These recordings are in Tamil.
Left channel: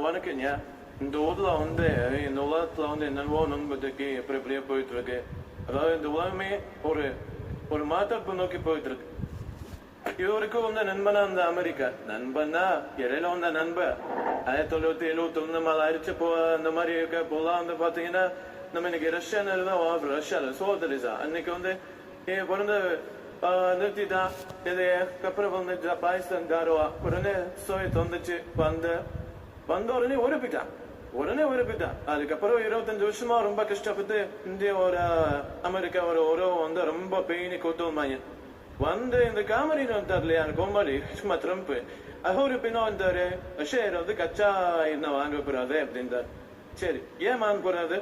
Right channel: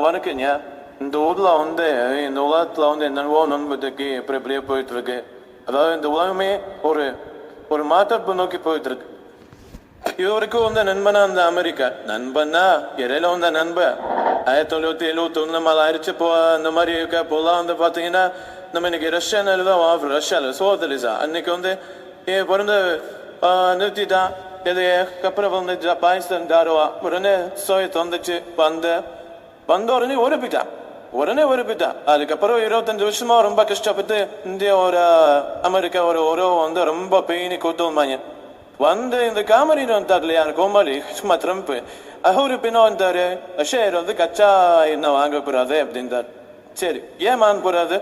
வணக்கங்க இந்த ஊரில் வந்து இந்த உலகத்தில் வந்து என்னவோ நண்பதுக்கு எப்படி எப்படியே போயிட்டுருக்கு அதாவது இந்த உலகமே ஒரு ஒரு மாற்றப்பு நோக்கி போயிட்டுருக்கு இது இவருக்கும் வந்து நண்பனா அந்த அமெரிக்கா நண்பன்னா இடையில வந்த நண்பன் ஆயிரத்தி தொள்ளாயிரத்தி எழுபத்தி ஒன்று மேலே அரிச்சு போ அந்த மாதிரி இருக்க போலாம் வந்து பார்த்தீங்கன்னா நம்ம இன்னைக்கு ரஷ்யானில் தான் வாங்குறோம் ரஷ்யாவில் சோதரிசா அன்னைக்கு வந்து என் பிறந்த நிறுத்திட்டான் இது அப்புறம் வந்து ஜ- பாகிஸ்தான் தாருவா உடனே சோயத் வந்துச்சு வந்த வந்த உடனே ஒருப்பிட்டான் உடனே ஒருப்பிட்டான் அதுக்கப்புறம் இருபத்தஞ்சு வருஷமா ரொம்ப கஷ்டப்பட்டு இந்தியா ஒரு அமெரிக்கா ஒரு உறவு வந்து ரொம்ப பெயினி கூத்துவாங்க வந்து இந்த காமெடியில் வந்தார் இல்லையா கோமாளி சும்மா ட்ரம்ப். அவரு பின்ன வந்தாரு. ஷேர் வந்து கச்சா என்ன வாங்க போறாது அப்படின்றார். சரி ஏன் வாங்க போறாது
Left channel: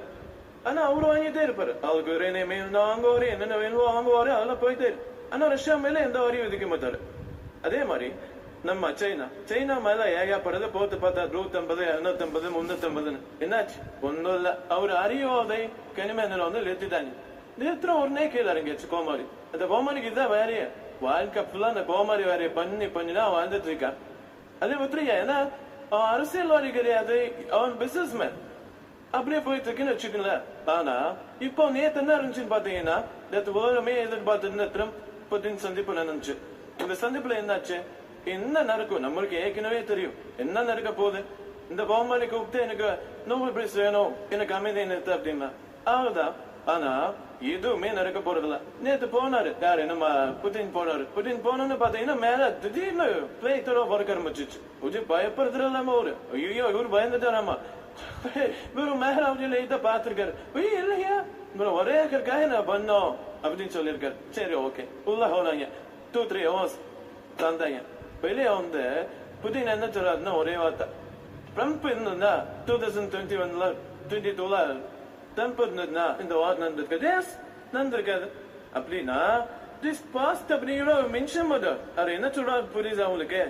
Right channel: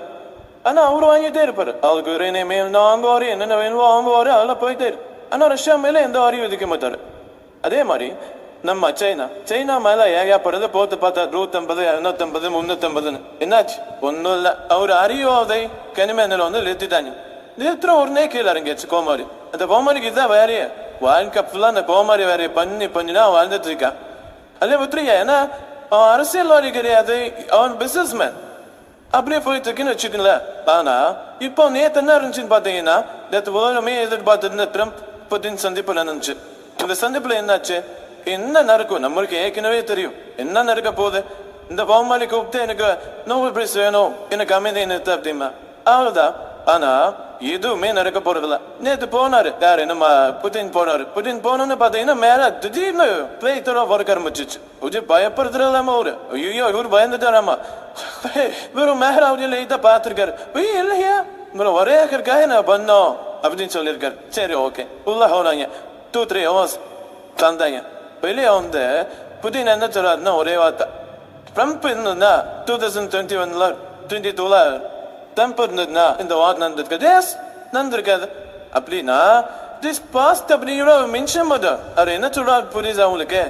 ஆனா அவரு வாங்கிட்டே இருப்பாரு. அவருக்கு ஒரு இனிமே என்ன வாங்குவாரு என்னென்ன வேணுமோ வாங்குவாரு அதெல்லாம் போயிட்டே இரு. ஆனா ரஷ்யா மேல எந்த வாரியும் விதிக்க மாட்டாரு. அதே மாதிரி நம்ம சைனா. சைனா மேல ஏகப்படுறது போத்து பார்த்தா நூத்தம்பது இரநூத்தம்பது முன்னூத்தம்பதுன்னு. என்னாச்சு? ஒண்ணும் இல்ல. அவர் அறியோதை கனிமேனில் வந்து நிறுத்திட்டாங்க. நிறுத்துற உடனே கீழே இறங்கியாச்சு கோமாரி. அந்த கோமாரிக்கு இதான் வேலையே வாழ்க்கை ஃபுல்லா அந்த கோமாரி வேலையை பண்ணி பண்ணி தான் வாழ்ந்துட்டு இருக்கான். அதே மாதிரி ஏன்னா அவன் அரசியல்வாதி கிடையாது. அவன் பிசினஸ் மேன் அப்படியே போயிட்டு இருக்குன்னு வச்சுக்கங்களேன். ஆனா இப்போ நேத்து என்ன இருந்துச்சுன்னு பாத்தீங்கன்னா நேற்று உலகமே எதிர்பார்த்துருந்த ட்ரம்ப் புதின் சந்திப்பு நடந்துச்சு. இந்த சந்திப்புல என்னாச்சு? என்ன நடக்கும்? நம்மளுக்கு ஏற்கனவே தெரியும். என்ன நடக்க போகுது? இந்த பவுமாலி கூப்பிட்டு எனக்கு நோபல் பிரைஸ் வேணும். எனக்கு அமைதி நிறுத்து அப்படிமா. அவ்வளவுதான். ஆனா எதுவுமே நடக்க போறதில்ல. நேற்று போனாரு. யாரு நம்ம புதின் போனாரு. புதின் போனோன்னு பாத்தீங்கன்னா மேல திடீர்னு பிளேத்தரா வர ஆரம்பிச்சிச்சு. கொஞ்சம் பயப்படுத்துறதாம அவரு. ஐயோ இவரு பயந்துட்டாராமா இவரு மேகராவதியில இதை பாத்துருக்காரு ஐயோ இல்லையா? இவரு ஒரே இருக்கா நான் பண்ணோம் அப்படின்னு சொல்லியிருக்காரு. சரி ஓகே உள்ள ஹோனாங்க டூ த்ரீ ஹவர்ஸ் தந்தாங்க. வெளியே வந்து புதின் என்ன சொல்றாருன்னா ஒரே வார்த்தை. ட்ரம்ப் இருந்ததுன்னா டூ தௌசண்ட் டுவெண்ட்டி ஒன்ல டுவெண்ட்டி டூல ட்ரம்ப் இருந்ததுன்னா இந்த வார் நடந்திருக்காது எஸ் நடந்திருக்காது. அப்படின்னா திஸ் பாஸ்ட் அப்படிங்கிற ஒரு மென்ஷன் மட்டும் அவர் என்ன சொல்றாரு புரியுது அவங்களுக்கு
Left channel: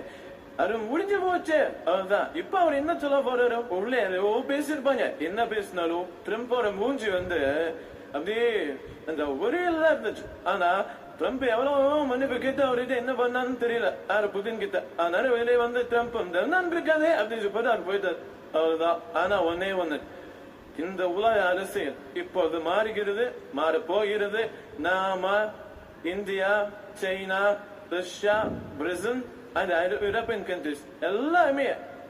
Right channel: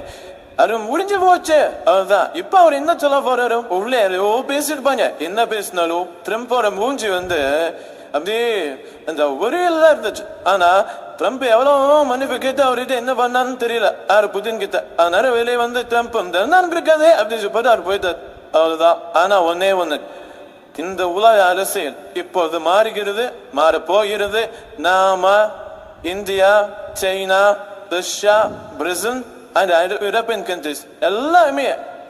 அது முடிஞ்சு போச்சு. அதுதான் இப்ப அவர் என்ன சொல்ல போறாரு? உள்ளே எவ்வளோ பேசிருப்பாங்க என்ன பேசினாலும் ட்ரம்ப்போட மூஞ்சி வந்து அப்படியே அந்த ஒரே இருந்துச்சு. ஆனா ட்ரம்ப் எவ்வளவு மன்னிப்பு கேட்டு அவர்கிட்ட என்ன பண்ணான்னு தெரியல. யாரு புதின் கிட்ட அதனால வெளியே வந்து ட்ரம்ப் வந்து இருக்காதே அப்படின்னு சொல்லிட்டு அவர் போயிட்டார். அவ்வளவுதான். ஆனா ஒன்னே ஒன்று இந்த உலக அரசியல் இப்போது மாறுகிறது மாற போகிறது நாம India China Russia Brazil and European countries எல்லாமே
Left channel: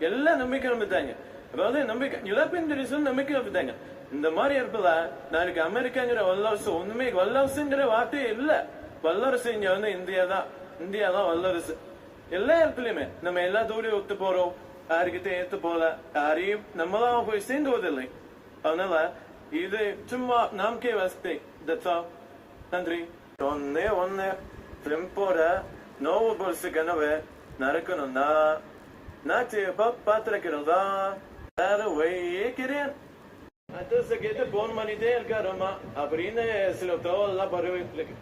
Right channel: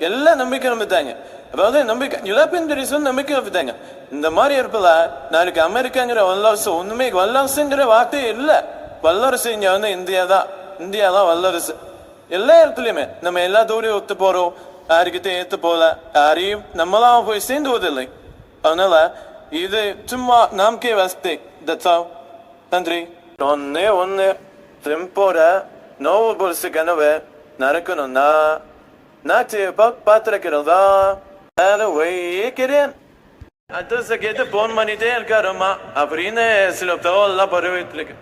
எல்லாம் நம்பிக்கை நம்பித்தாங்க அதாவது நம்பிக்கை யூரோப்பியன் கண்ட்ரிஸும் நம்பிக்கை நம்பித்தாங்க இந்த மாதிரி இருப்பதா நாளைக்கு அமெரிக்காங்கிற வல்லரசு ஒண்ணுமே வல்லரசுங்கிற வார்த்தையே இல்லை. வல்லரசு இங்க வந்து இந்தியா தான் இந்தியா தான் வல்லரசு எல்லா இடத்துலயுமே நம்ம எல்லா தூரையும் ஒத்து போறோம் யாருக்கிட்ட ஏத்து போல யாரையும் நம்மளாம் போய் சேர்ந்துவதில்லை அதனால இது சும்மா நம்பிக்கை வசதி தட்ஸ் ஆல் நன்றி ஒன்னே ஒன்னு ட்ரிம்போட நோவு பொருசு கனவு நடக்கணும்னா நான் பார்த்திருக்கிறதா வேற வைக்கிறேன் அது கேட்டு போன் பண்ணிட்டே இருக்காருமா அப்படின்னு சில தகவல்லாம் பரவிட்டு இருக்கு